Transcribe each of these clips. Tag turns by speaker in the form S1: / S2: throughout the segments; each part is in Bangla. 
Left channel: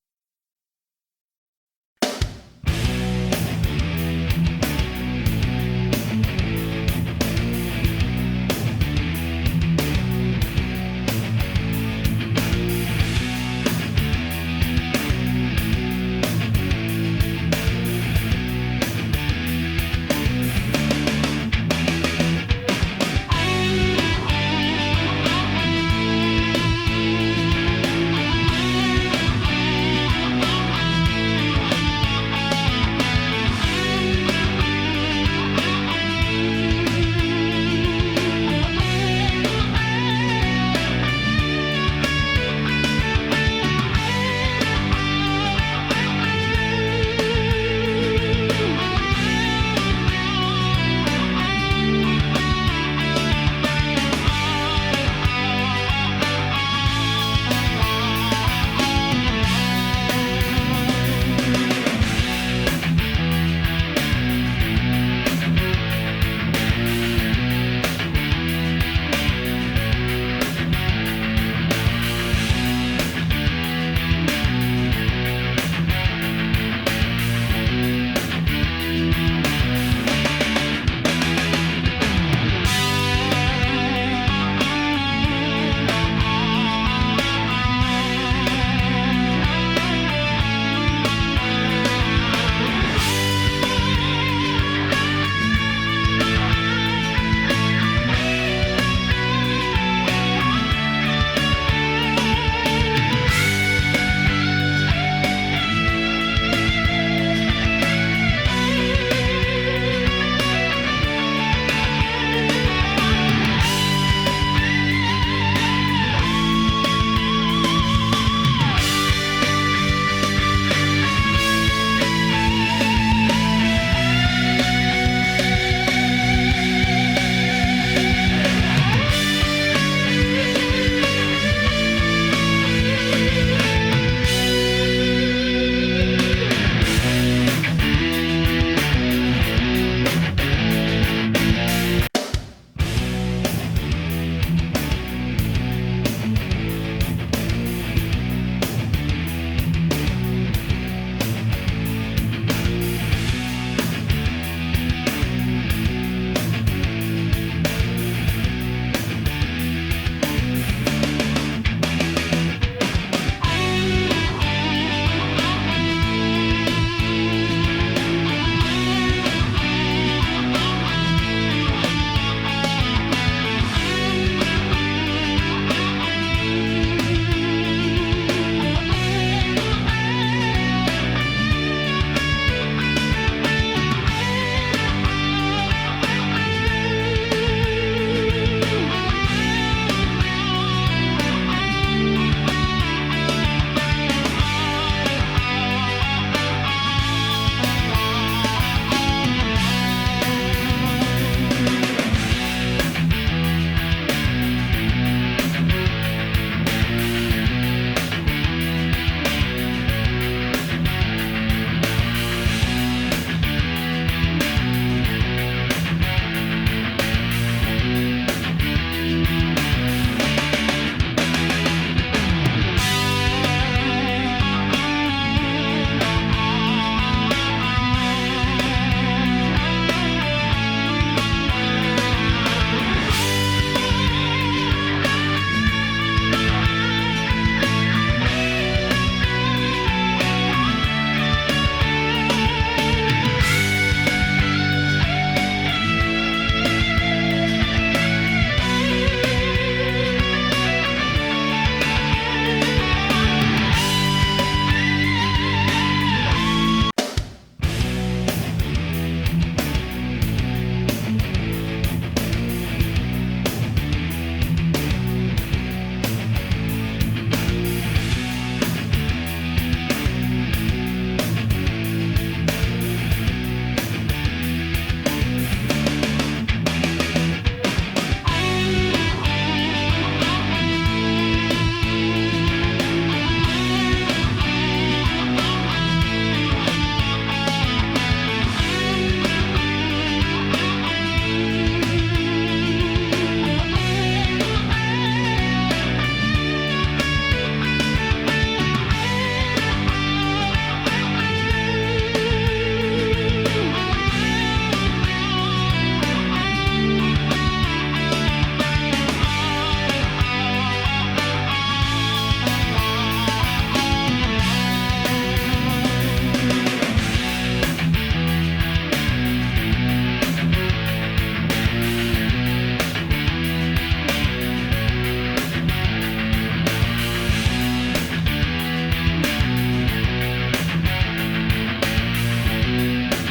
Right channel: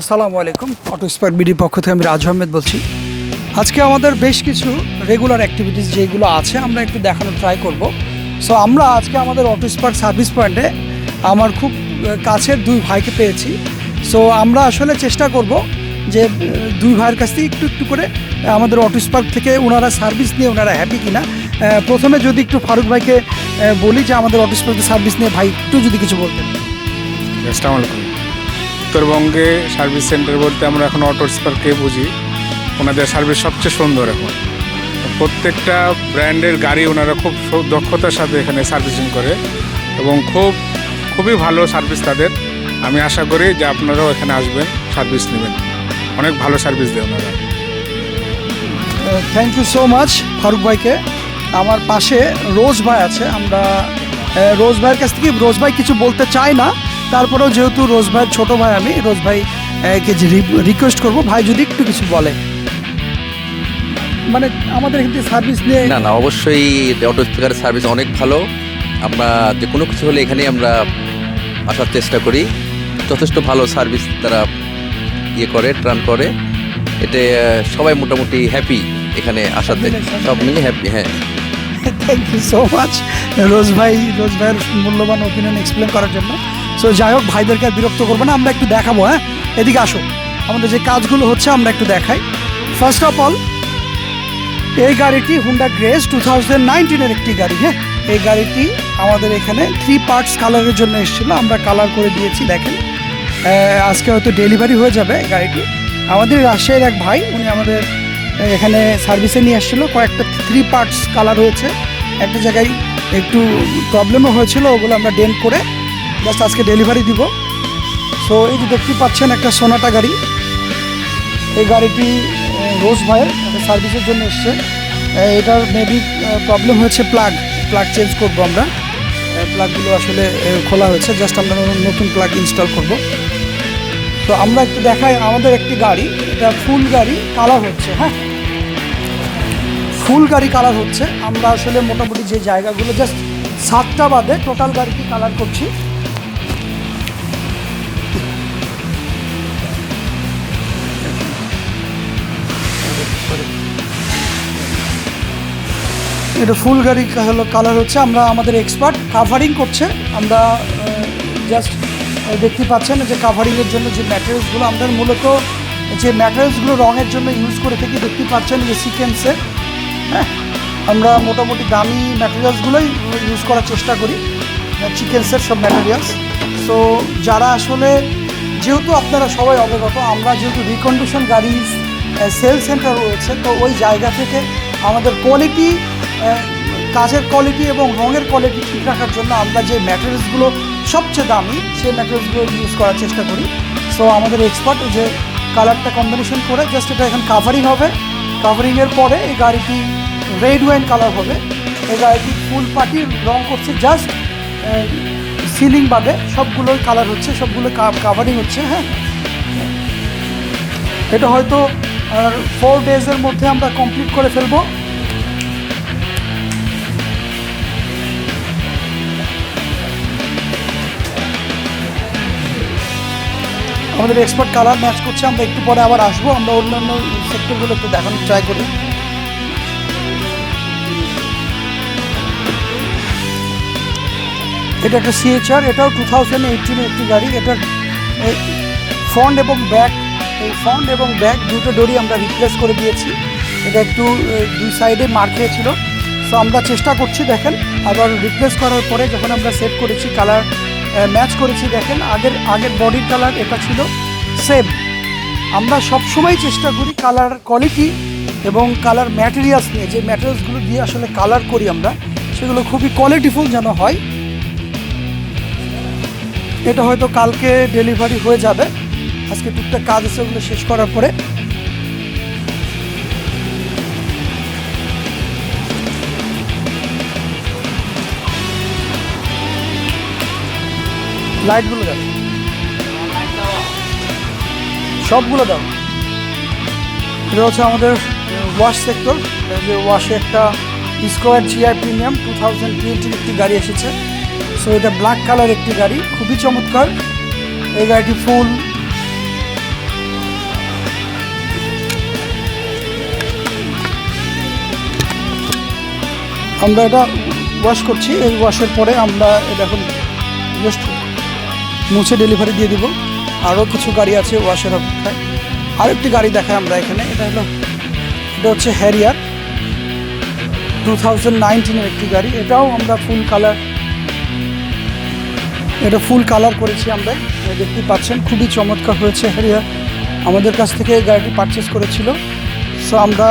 S1: আসসালামু আলাইকুম। অটো স্পার্ক বিডি পক্ষ থেকে আমি রাজু আহমেদ বলছি। আজকে আমাদের বেশ কিছু রেগুলার অ্যাক্টিভিটিস যেগুলো আছে, আমরা একটু দেখানোর ট্রাই করব। সো আমরা আজকে আমাদের অটো স্পার্ক সার্ভিস পয়েন্টে আমার খুব কাছের দুই ভাইকে পেয়েছি। সো আমরা আসলে চেষ্টা করব যে দুই ভাইয়ের কাছ থেকে একটু একটু করে আমাদের অটো স্পার্ক থেকে ওনারা সার্ভিস নিয়ে ওনারা হ্যাপি কিনা। প্রথমে যদি একটু ফারুক ভাইকে বলি যে আমাদের অটো স্পার্কের সার্ভিস নিয়ে ভাই, একটু যদি কিছু বলতেন।
S2: উত্তরবঙ্গে সার্ভিস সেন্টার বলতে আমরা এখন অটো স্পার্কে বুঝি। ওনাদের সার্ভিস সবচেয়ে সুন্দর এখন। প্রত্যেকটা ব্র্যান্ডের গাড়ি ওনারা খুব দক্ষতার সাথে এখানে সার্ভিসিং করে এবং খুব, খুবই ভালো সার্ভিস তাদের। আমি আশা করি যে আপনারাও এখানে আসবেন, সার্ভিস নেবেন। অনেক ভালো সার্ভিস দেবেন
S1: thank you so much Farooq ভাইকে। আমার পাশে রোজ ভাই আছে, আমরা রোজ ভাইয়ের কাছ থেকে রোজ ভাই কিছু বলতে চাই না। তারপরেও যেহেতু রোজ ভাইয়ের ছোট ভাই আমি রোজ ভাই কে রিকোয়েস্ট করব ভাই যদি একটু কিছু বলে। মানে আমাদের এখানে সার্ভিস নিয়ে
S3: না না অবশ্যই অটো স্পিকারের সার্ভিস অনেক ভালো। আমরা যে কোনো কিছু হলে এখানে আমরা আসার চেষ্টা করি। যথেষ্ট ভালো সার্ভিস তারা ইয়ে করে ট্রান করে। এতে সবাই মোটামুটি হ্যাপি এখানে আসাতে। সব মিলে হ্যাপি হ্যাঁ।
S1: Thank you so much Rose ভাই রোজ ভাইয়ের মূল্যবান ওপিনিয়ন এক্সপ্লেন করার জন্য। সো যাই হোক, ভাইদেরকে বিরক্ত করব না, আমরা একটু দেখাবো হ্যাঁ? এদিকে আসো। আমাদের যে কাজগুলো হচ্ছে, আমরা একটু দেখাই। ফার্স্ট অফ অল এই গাড়িটি হুন্ডা গ্রেস টু থাউজেন্ড নাইনটিনের একটি গাড়ি হ্যাঁ? এই গাড়িটি আমাদের এখানে থ্রি পার্টস কালারের জন্য এসেছিল। আমরা কালার করে দিয়েছি, দেখেন। আজকে হয়তো ডেলিভারি হয়ে যাবে এই গাড়িটি। আমাদের রাজশাহীর এক ভাই, উনি আমাদের এখানে সার্ভিসে নিয়ে এসেছিল। কয়েকটা থ্রি পার্টস কালার হয়েছে একটা জায়গায় একটু প্রবলেমও হয়েছিল, ওগুলো আমরা ডেন্ট করে জাস্ট আজকে ডেলিভারি দিব। তো এই যে দেখতে পাচ্ছেন একটা সোনাটা গাড়ি। এই গাড়িটি রোজ ভাইয়ের সার্ভিসের জন্য এসছে। এটার মেবি প্রবলেম হয়েছে প্লাগ প্লাগ চেঞ্জ করব আমরা। প্লাগগুলো আসলে খোলা হয়েছে। জাস্ট আমরা নতুন প্লাগ ইনস্টল করব। তো আমরা একটু দেখাই আমাদের একটি গাড়ি। এটা ফুল গাড়ি কালার হচ্ছে হ্যাঁ? ফুল গাড়ি কালার হচ্ছে। আমরা আসলে মোটামুটি যে জায়গাগুলো জাস্ট সাতটা বাদে টোটাল গাড়িটি কালার করছি। এটা ফুল গাড়ি হলো কালার হচ্ছে, আমরা আমাদের এক্সপার্ট কাভারিং করছে। আমরা জাস্ট দেখতে পাচ্ছেন যে কাভারিংয়ের জন্য যে ম্যাটেরিয়ালসগুলো আমরা মূলত যে ম্যাটেরিয়ালসগুলো রঙের জন্য ইউজ করে থাকি, দেখতে পাচ্ছেন যে সিকেন্সের হ্যাঁ আমরা মোটামুটি দামি ম্যাটেরিয়ালসগুলোই ইউজ করার চেষ্টা করি চিকেন্সের সব ম্যাটেরিয়ালস সো যারা আসলে, যেহেতু আপনারা সবাই অবগত, আমরা যেহেতু রিকন্ডিশন গাড়ি সেল সেন্টার রয়েছে, তো ওই জায়গা থেকে আমাদের কোয়ালিটি কাজের কোয়ালিটি এবং রঙের কোয়ালিটি ঠিক রাখার জন্য আমরা যে ম্যাটেরিয়ালসগুলো সবচেয়ে দামি, সেই ম্যাটেরিয়ালসগুলো ইউজ করার চেষ্টা করি। সো আমাদের এক্সপার্ট যে কালারটা কম্বিনেশন করে জাস্ট এটা এখন কাভারিং হবে। কাভারিংয়ের পরে এই গাড়িটি রেড ওয়াইন কালার হবে। এই গাড়িটি ফুল পার্টি রং করছে জাস্ট সিলিং বাদে সবগুলোই কালার হচ্ছে, সবগুলো কাভারিং হচ্ছে হ্যাঁ। এটা হয়তো ফোর ডেজের মধ্যে আমরা কমপ্লিট করে ফেলব। আমাদের এক্সপার্ট কালার ম্যাচ করছে, আমরা একটু পরে আবার আসব, আমরা অন্যান্য সেক্টরগুলো একটু দেখানোর ট্রাই করি। এটা একটা সিএচআর এটাও টু থাউজেন্ড এইটিনের একটি গাড়ি, এটার ফ্রন্ট এবং ব্যাক এই ফ্রন্ট এবং ব্যাক দুটো দড়ি আমরা রিপ্লেস করে দিয়েছি। এটা একটু দুই সাইডে মার খেয়েছিল সো আমরা চেষ্টা করছি, দেখেন, আবার রিপ্লেস করার পরে যখন আমরা সেভ করেছি কালার ম্যাচ করেছি, দেখেন, আগের আগের বডির কালার এটা ছিল সেম আমরা সবসময় চেষ্টা করি কালার কোয়ালিটি এবং কালার ম্যাটেরিয়ালস নিয়ে, যে ম্যাটেরিয়ালসগুলো দিয়ে আসলে কালার করি আমরা, সেগুলো খুবই কোয়ালিটিফুল যেন হয়। এটা হয়তো কালকে ডেলিভারি হয়ে যাবে। আজকে টুকটাক কাজ আছে, ওগুলো শেষ করার পরে। লাইটগুলো দাও। সবগুলো দাও। এটা হচ্ছে আমাদের ওয়াশ সেক্টর। যে ওয়াশে একটা square GR premium two thousand একটি গাড়ি এসেছে। সো এটা ব্ল্যাক কালার একটি গাড়ি, খুবই চমৎকার। এই গাড়িটি ফুল আমরা এটা ওয়াশ করছি। এই ওয়াশের পরে আমরা এটা এখন জাস্ট মুছে ডেলিভারি দিয়ে দিব। আরও কিছু গাড়ি আছে, ওয়াশের অপেক্ষায় আরেকটি গাড়ি দেখাই আমরা এখানে। এটা হলো, এটা হচ্ছে হ্যারিয়ার টু থাউজেন্ড একটি গাড়ি। এটাও আমরা ফুল কালার এটা ফুল কালার করেছি আমরা। দেখতে পাচ্ছেন, খুবই চমৎকার হয়েছে হ্যারিয়ার আমাদের কাছ থেকে এই গাড়িটি পারচেস করেছিল। সো আমরা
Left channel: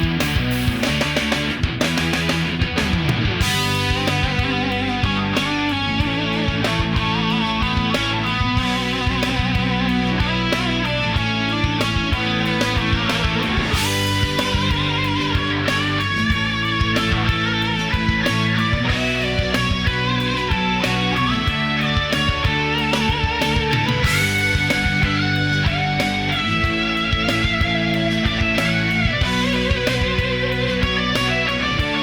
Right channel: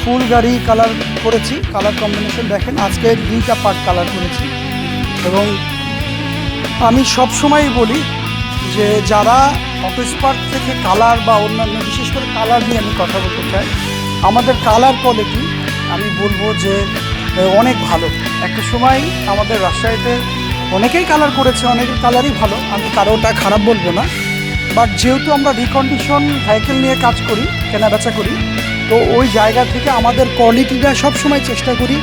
S1: ফুল গাড়ি কালার করেছি। কালার কম্বিনেশন দেখেন, আজকে দুইটা পার্ট কালার করেছি। এবং আমি সব সময় বলি যে যারা অফিস পার্ক থেকে কালার বা অন্যান্য বিশেষ করে কালার নিয়ে আমি কথা বলতে চাই, আমাদের কালার কোয়ালিটি আমি বলব যে অনেক ভালো। একটা সময় আমাদের রাজশাহীতে অনেকেই কালার করেছে, অনেকের কালারই ভালো। আমি কারোটা খারাপ বলব না। বাট যেহেতু আমরা রিকন্ডিশন সাইকেল নিয়ে কাজ করি, কেনাবেচা করি, তো ওই জায়গা থেকে আমাদের কোয়ালিটিটা সবসময় চেষ্টা করি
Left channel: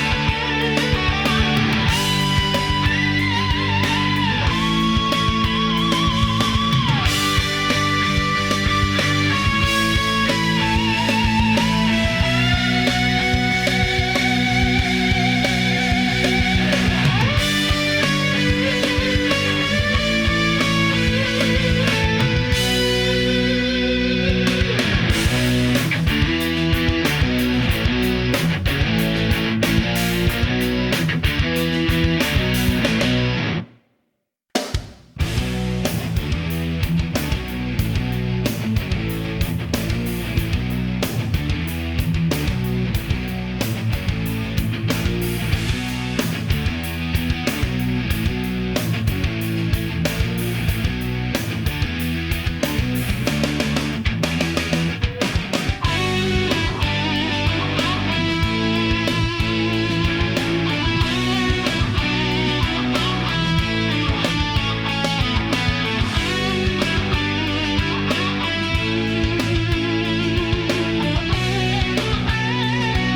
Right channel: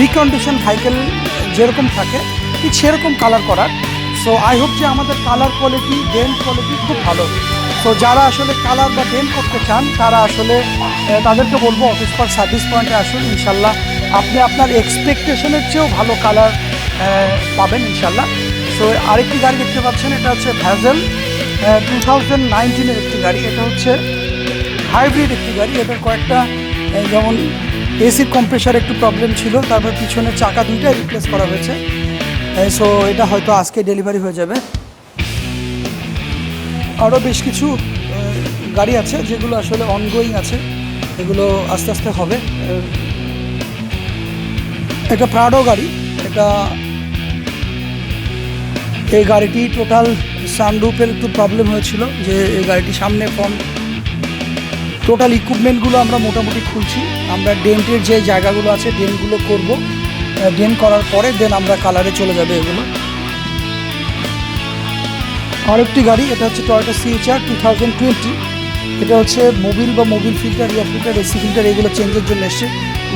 S1: রিকন্ডিশন সাইকেল যেরকম থাকে, ঠিক সেরকম কালার করার। সো আই হোপ যে আমাদের কালার কোয়ালিটি ডেন কোয়ালিটি খুব ভালো। তো যারা আসলে কালার বা ডেন করতে চান, তারা আসলে তাদেরকে বলব অফিস পার্ক সার্ভিস পয়েন্টে আসুন, ইনশাল্লাহ। আপনি আপনার এক্সপেকটেশনের চেয়েও ভালো কালার পাবেন, ইনশাল্লাহ। সো আরেকটি গাড়ি দেখতে পাচ্ছেন, এটা হচ্ছে ভ্যাজেল টু থাউজেন্ড নাইনটিনের একটি গাড়ি, এটা হচ্ছে হাইব্রিড একটি গাড়ি। এটার কয়েকটা যেমন এসির কম্প্রেসার একটু প্রবলেম ছিল, তারপর পিছনে চাকা দুইটাই রিপ্লেস করা হয়েছে। সো এটা হয়তো আজকে ডেলিভারি হয়ে যাবে। আরও বেশ কিছু গাড়ি আছে যেগুলো আসলে অনগোয়িং আছে। এগুলো আস্তে আস্তে হবে। একটা প্রাডো গাড়ি, এটা এই গাড়িটি টোটাল সানরুফের একটু প্রবলেম হয়েছিল যে এই গাড়িটি সামনে ফ্রন্ট টোটাল ইকুইপমেন্টগুলো আমরা মোটামুটি খুলছি। আমরা ডেন্টের যে জায়গাগুলো আছে ডেন্টগুলো করব। ডেন্ট করার পরে দেন আমরা কালারে চলে যাবে এগুলো। আরেকটি গাড়ি, এটা হচ্ছে Toyota CHR two thousand twenty এটা হচ্ছে মোবিল বা মোবিল ফিল্টার বা ফিল্টার এসি ফিল্টার এগুলো চেঞ্জের জন্য এসছে।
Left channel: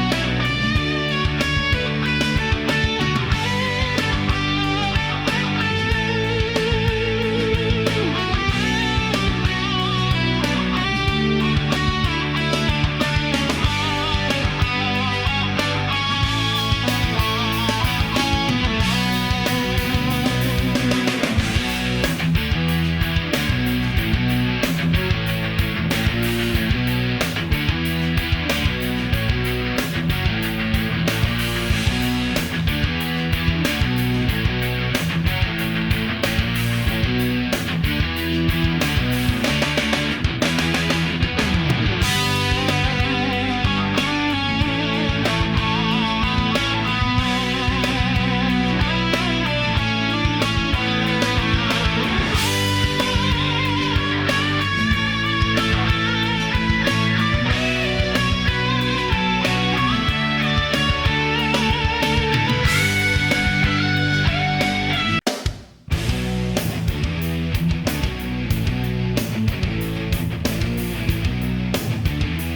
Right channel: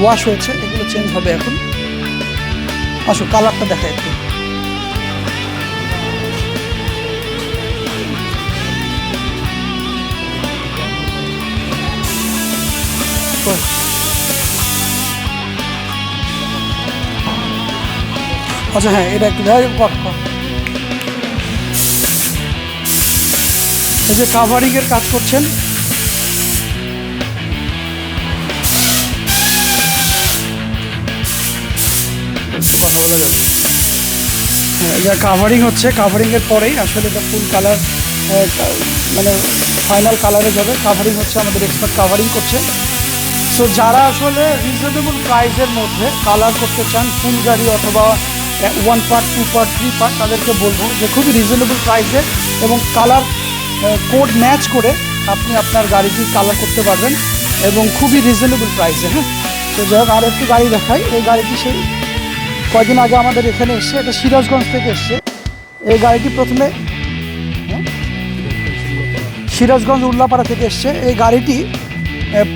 S1: ওয়াশ হয়েছে, এগুলো চেঞ্জ হবে এখন। আসো কালারটা দেখা একটু। আচ্ছা হ্যাঁ এটা একটু এই যে কাভারিং এর কাজ করছেন। কথা বলা যাবে। হ্যাঁ এটা কাভারিং হচ্ছে কাভারিং এর পরেই আসলে এটা ফুল কালার মানে ফাইনাল কালারে যাবে। কাভারিং হচ্ছে আমাদের এক্সপার্ট কাভারিং করছে। সো যারা আসলে রিজনেবল প্রাইসের মধ্যে কালার করতে চান ফুল গাড়ি অথবা one part two part three part তাদেরকে বলব যে খুবই রিজনেবল প্রাইসে এবং কালার কোড ম্যাচ করে আপনি আপনার গাড়িটি কালার করতে পারবেন এবং খুবই রিজনেবল প্রাইসে হ্যাঁ? তো যাই হোক আরও একটি গাড়ি দেখাই। এই গাড়িটি সেই কয়দিন আগে আমাদের এখানে এসছে, এটা সিরাজগঞ্জ থেকে এসছে। এই গাড়িটি প্রথমে হ্যাঁ? সিরাজগঞ্জ উল্লাপাড়া থেকে এসছে। এই গাড়িটি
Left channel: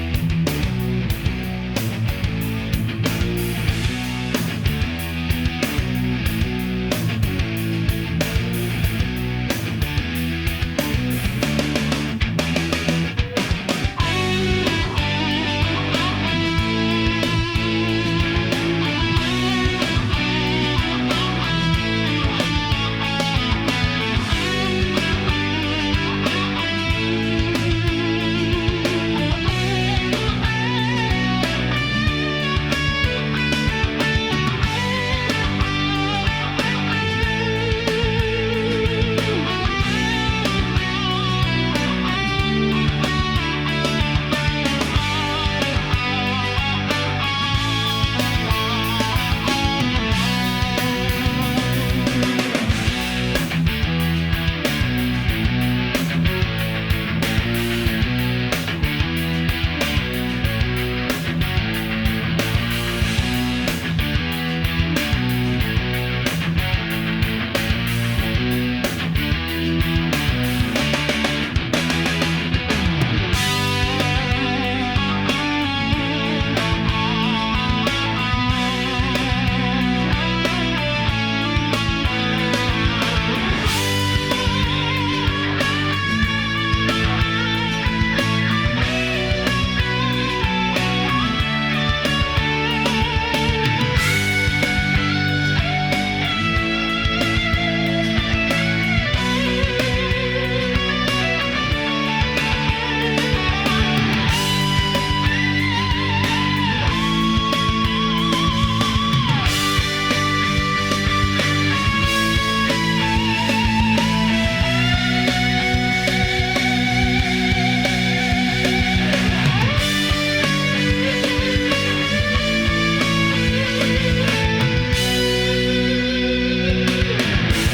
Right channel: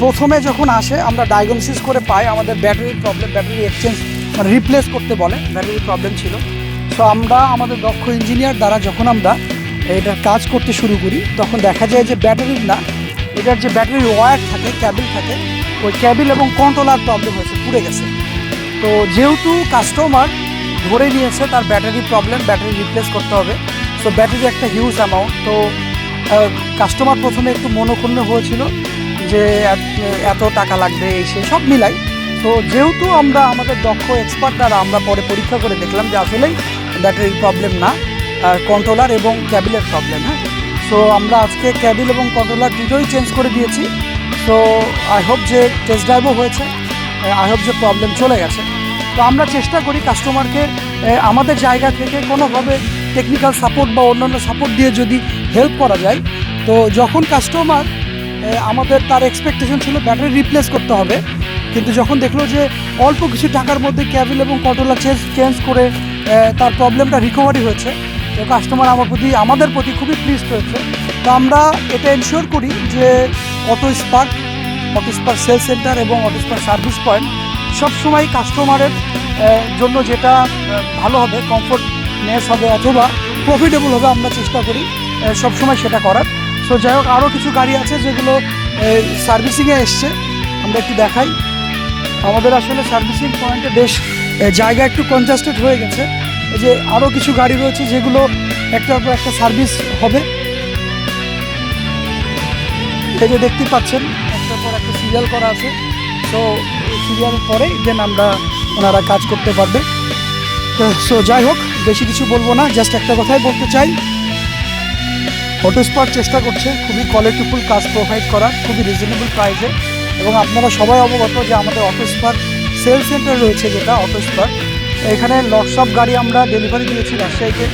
S1: প্রথমে যখন আসে, আমরা ডায়াগনোসিস করে পাই আমাদের battery problem battery exchange replace করতে বলে ব্যাটারি প্রবলেম ছিল। তো আমরা আমাদের দক্ষ ইঞ্জিনিয়ার দ্বারা যখন আমরা এটার কাজ করতে শুরু করি, তখন দেখা যায় যে ব্যাটারির না, এটার যে ব্যাটারি ওয়ার থাকে ক্যাবিল থাকে, ওই ক্যাবিল এবং কন্ট্রোলার প্রবলেম হয়েছে, পুড়ে গেছে। তো যেহেতু কাস্টমার ধরে নিয়েছে, তার ব্যাটারি প্রবলেম ব্যাটারি রিপ্লেস করতে হবে। তো ব্যাটারি একটা হিউজ অ্যামাউন্ট তো কাস্টমার প্রথমে একটু মনোক্ষুণ্ণ হয়েছিল যে এত- টাকা লাগবে, এই সেই সব মিলাই তো যেহেতু আমরা আমাদের দক্ষ এক্সপার্ট দ্বারা আমরা পরে পরীক্ষা করে দেখলাম যে আসলেই ব্যাটারির প্রবলেম না কন্ট্রোলার এবং ক্যাবিলের প্রবলেম হ্যাঁ? সো আমরা আজকে ক্যাবিল এবং কন্ট্রোলার দুটোই চেঞ্জ করে দিয়েছি। তো আই হোপ যে টেস্ট ড্রাইভও হয়েছে আই হোপ যে প্রবলেম চলে গেছে। তো আমরা চেষ্টা করি কাস্টমারকে আমাদের জায়গা থেকে কোনোভাবে টেকনিক্যাল সাপোর্ট বা অন্যান্য সাপোর্ট দিয়ে যদি হেল্প করা যায়, তো যখন কাস্টমার আমাদের তার এক্সপেকটেশন ছিল ব্যাটারি রিপ্লেস করতে হবে কিন্তু যখন দেখল যে অল্প কিছু টাকার মধ্যে ক্যাবিল এবং কন্ট্রোলার চেঞ্জ চেঞ্জ করে তার প্রবলেমটা রিকভারি হয়েছে, তো কাস্টমার আমার প্রতি, আমাদের প্রতি খুবই প্লিজ হয়েছে। তো আমরা এটা এনশিওর করি যে Auto Spark Auto Spark sale centre এবং অটো স্পার্ক সার্ভিস পয়েন্ট সবসময় কাস্টমারের জন্য যেটা ভালো হবে কমফোর্টনেস হবে অথবা প্রফিটেবল হবে আমরা চেষ্টা করি সবসময় সেটা করার। তো যাই হোক আরও কিছু গাড়ি আছে যেগুলো সার্ভিসিংয়ে এসছে, আমরা একটু দেখাই। আমাদের আসলে সার্ভিসিং পয়েন্টে বেশ জায়গা একটু কনজাস্টেড হয়ে গেছে। যে আরও কিছু গাড়ি রয়েছে যেগুলো একটার পর একটা সার্ভিস হবে। এই যে দেখতে পাচ্ছেন, একটার পর একটা সিরিয়াল করা আছে। তো সিরিয়াল পরে দেন আমরা ওনারা কাজ করতে পারবে। তো সো যাই হোক, বেশি কিছু বলব না জাস্ট একটা কথাই বলতে চাই। অটো স্পার চেষ্টা করছে, খুবই কোয়ালিটিফুল কাজ প্রোভাইড করা, খুবই রিজনেবল প্রাইসে এবং আপনারা সবাই অবগত যে আমাদের অফিস স্পার সেল সেন্টার রয়েছে যেটা অফিস স্পার এখানে লটসব গাড়ি আমরা ডেলিভারি দিয়েছি রাজশাহীতে।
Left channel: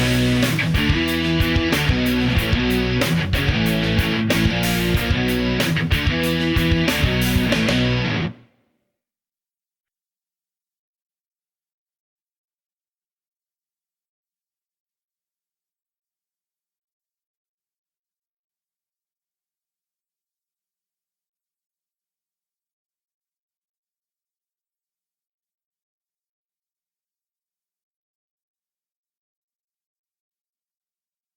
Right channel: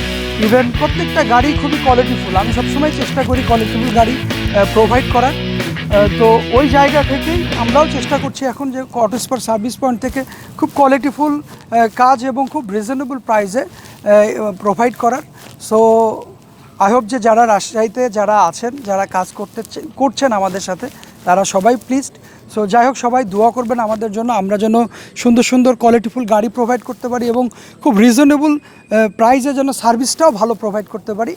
S1: ইভেন প্রত্যেকটা গাড়ি খুবই কোয়ালিটিফুল আমি সবসময় চেষ্টা করি কোয়ালিটিফুল গাড়ি প্রোভাইড করার। তো ওই জায়গা থেকেই আমরাও চেষ্টা করছি এখন যে অটো স্পার সার্ভিস পয়েন্ট থেকে খুব কোয়ালিটিফুল কাজ এবং খুব রিজনেবল প্রাইসে প্রোভাইড করার। সো আই হোপ যে যারা রাজশাহীতে যারা আছেন, যারা কাজ করতে করছেন আমাদের সাথে, তারা সবাই প্লিজড সো যাই হোক সবাই দোয়া করবেন আমাদের জন্য। আমরা যেন সুন্দর সুন্দর কোয়ালিটিফুল গাড়ি প্রোভাইড করতে পারি এবং খুব রিজনেবল প্রাইসে যেন সার্ভিসটাও ভালো প্রোভাইড করতে পারি।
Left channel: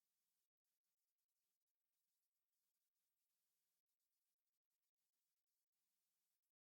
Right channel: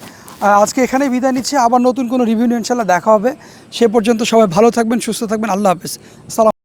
S1: আজকে এখানে বিদায় নিচ্ছি। আবার নতুন কোনো রিভিউ ইনশাল্লাহ দেখা হবে। সে পর্যন্ত সবাই ভালো থাকবেন, সুস্থ থাকবেন। আল্লাহ হাফিজ। সালাম